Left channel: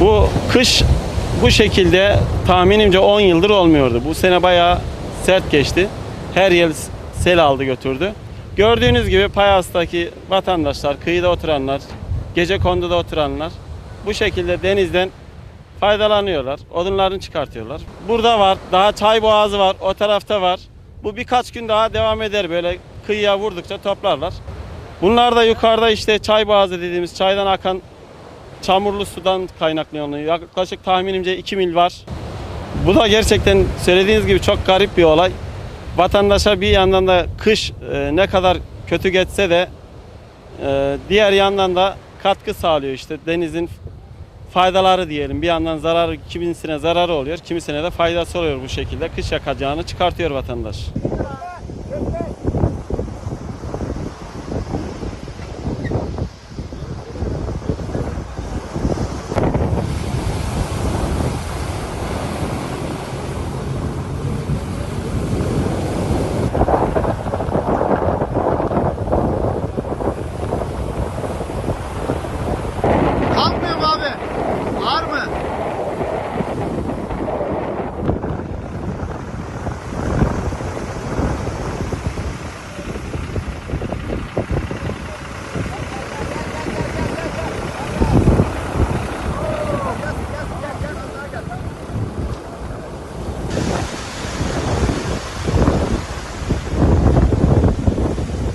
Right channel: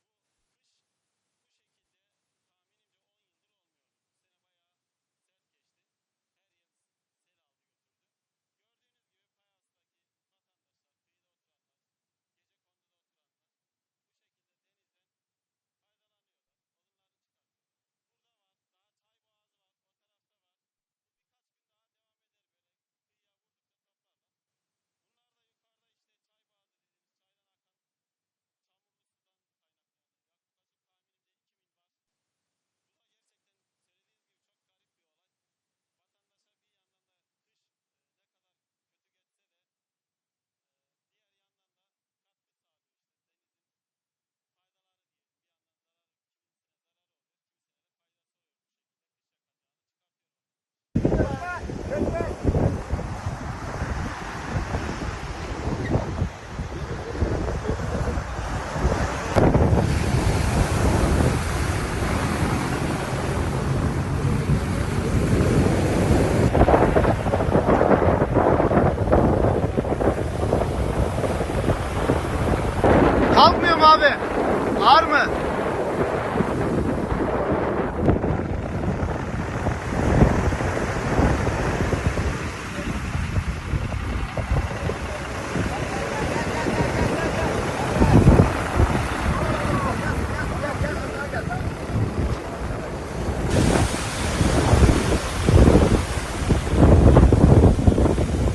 Bu kış bu şekilde tahminimce 10 yıldır olmuyordu. Bu sene bayağı sert geçti. Her yıl sel aldı götürdü. Gördüğünüz gibi Payas'taki vatandaşlar, kıyıda oturanlar, gece konduda oturanlar bu şekilde denizden faydalanıyorlar. Odunlarını çıkartıyorlar. Burada var, daha çay boğazı var, o tarafta var. Bu birkaç gün daha devam eder böyle kıyıya vurdukça toplarlar. Bunlar da yukarıda işte çay boğazı dediğimiz çaydan akan çamurlu sudan kaynaklanıyor. Yaklaşık tahminimce 2 mil var. Bu da gerçekten söylediğiniz gibi çok garip bir olay. Vatandaşa bir yandan da kış e, ne kadar kötü geçse de e, diğer yandan da katkı sağlıyor işte denizin faydaları diyelim. Bir yandan zararı kimisine zararı oluyor, kimisine de faydası oluyor bu şekilde. Kış yakacağını çıkartıyor vatandaş. Kalkmıyor mu abi? Var mı?